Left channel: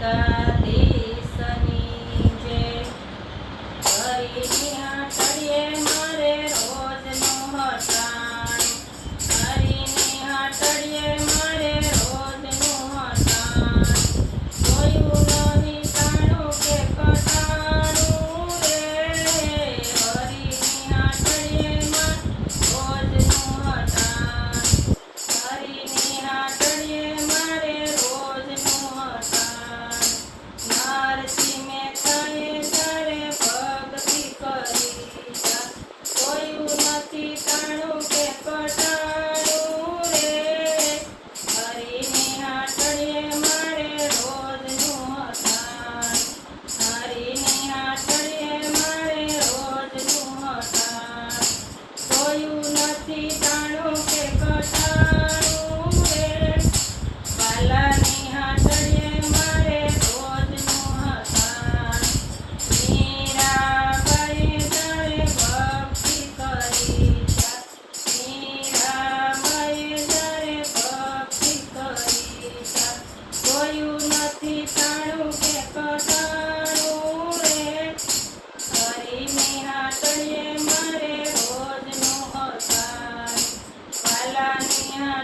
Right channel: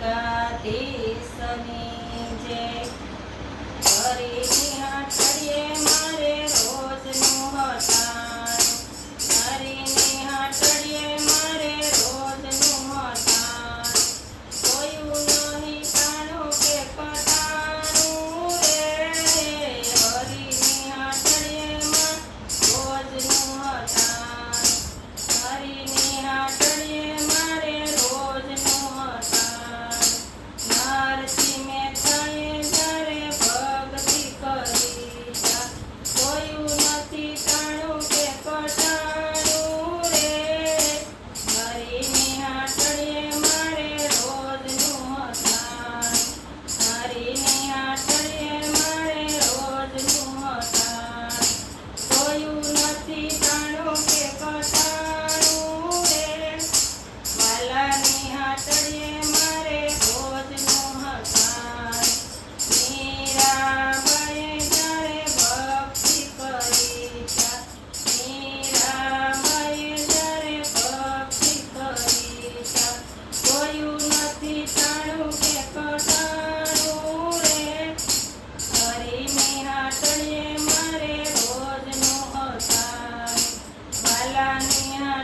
Santa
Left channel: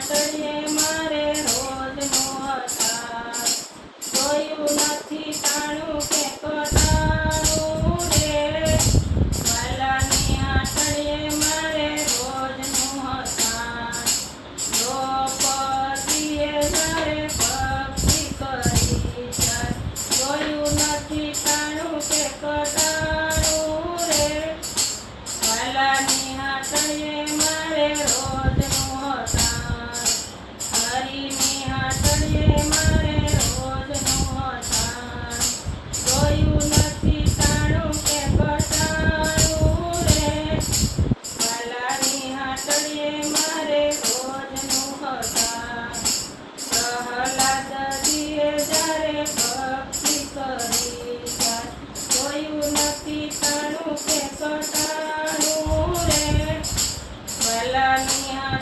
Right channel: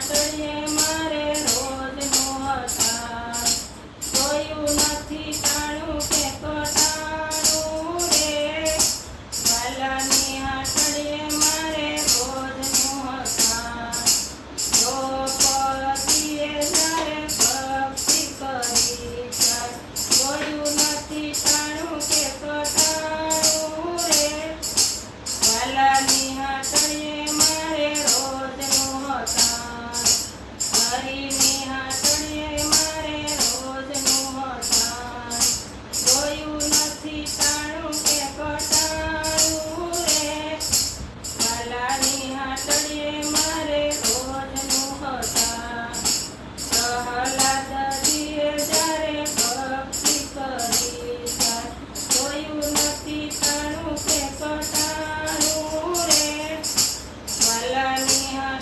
તળિયે મારે રોજ નો જોયું નથી કા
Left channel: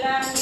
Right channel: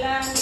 எல்லாம்